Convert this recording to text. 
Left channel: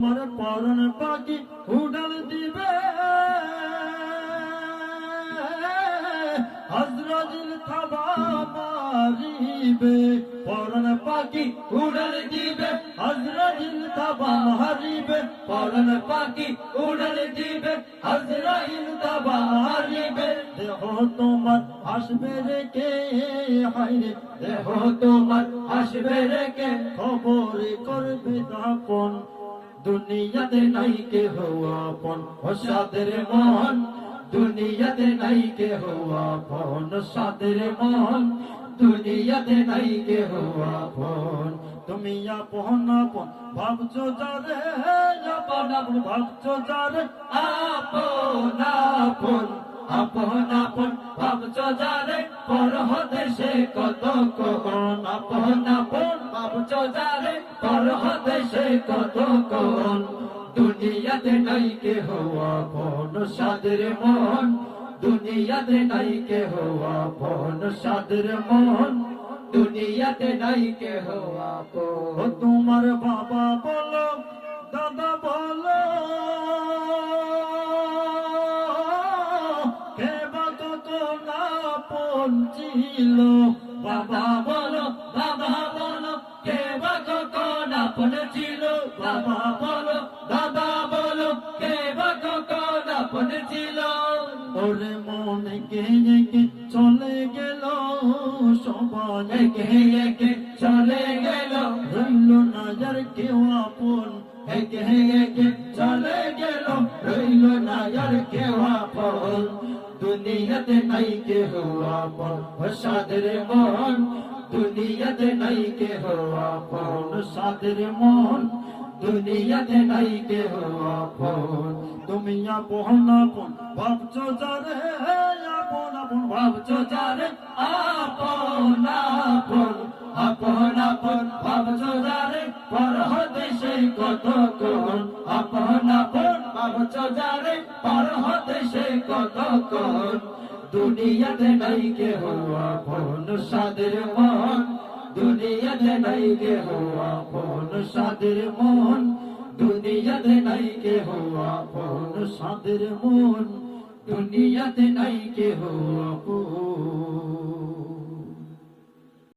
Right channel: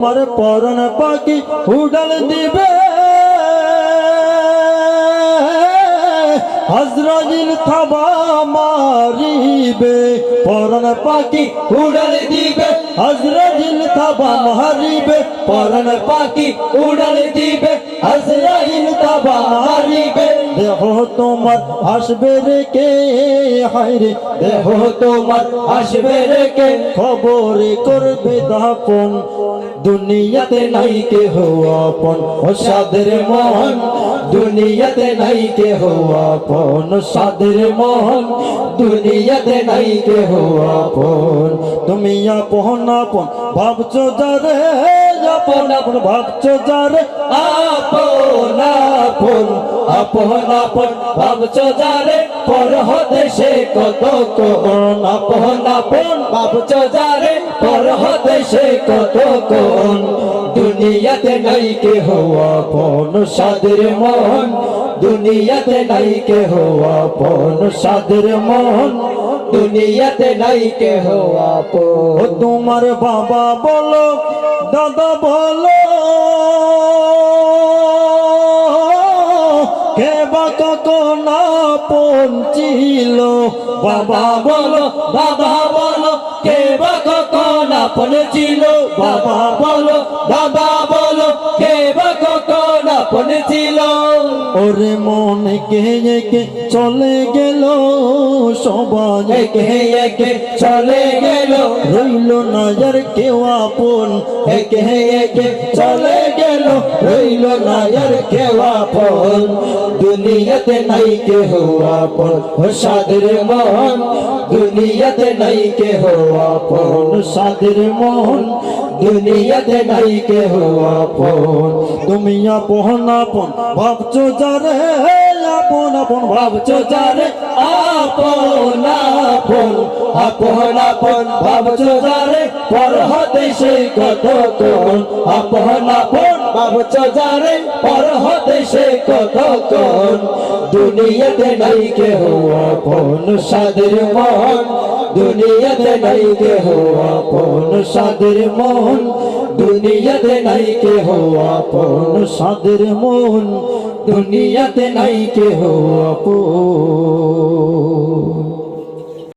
আমার পরন পাখি উড়াল দিবে আজরাইল থাবা মারিবে পরন পাখি উড়াল দিবে আজরাইল থাবা মারিবে পরন পাখি উড়াল দিবে আজরাইল থাবা মারিবে দেহ তোমার আসবে রে কে হায়রে দেহ তোমার আসবে রে কে খবর করবে দাপন দুনিয়াতে নাই কে হো আপন ও সাদের মোহন দুনিয়াতে নাই কে হো আপন সাদের মোহন দুনিয়াতে নাই কে হো আপন তুমি আপন আপন ভাবছো যারে আপন আপন ভাবছো যারে আপন আপন আপন আপন ভাবছো যারে পর দেশে কত কোন আপন আপন ভাবছো যারে পর দেশে কত কোন দুনিয়াতে নাই কে হো আপন সাদের মোহন দুনিয়াতে নাই কে হো আপন সাদের মোহন দুনিয়াতে নাই কে হো আপন তোমার বাবা বলো দাদা বলো কে বা কখন আপন ছিল বাবা বলো বাবা বলো কে বা কখন আপন ছিল বাবা বলো বাবা বলো কে বা কখন আপন ছিল ওরে মন কে কে চলে গেল সবাই একে একে চলে গেল রইল না আর কেউ আপন একে একে চলে গেল রইল না আর কেউ আপন দুনিয়াতে নাই কে হো আপন ও সাদের মোহন দুনিয়াতে নাই কে হো আপন সাদের মোহন দুনিয়াতে নাই কে হো আপন তুমি আপন আপন ভাবছো যারে আপন আপন ভাবছো যারে আপন আপন আপন আপন ভাবছো যারে পর দেশে কত কোন আপন আপন ভাবছো যারে পর দেশে কত কোন দুনিয়াতে নাই কে হো আপন সাদের মোহন দুনিয়াতে নাই কে হো আপন সাদের মোহন দুনিয়াতে নাই কে হো আপন সাদের মোহন দুনিয়াতে নাই কে হো আপন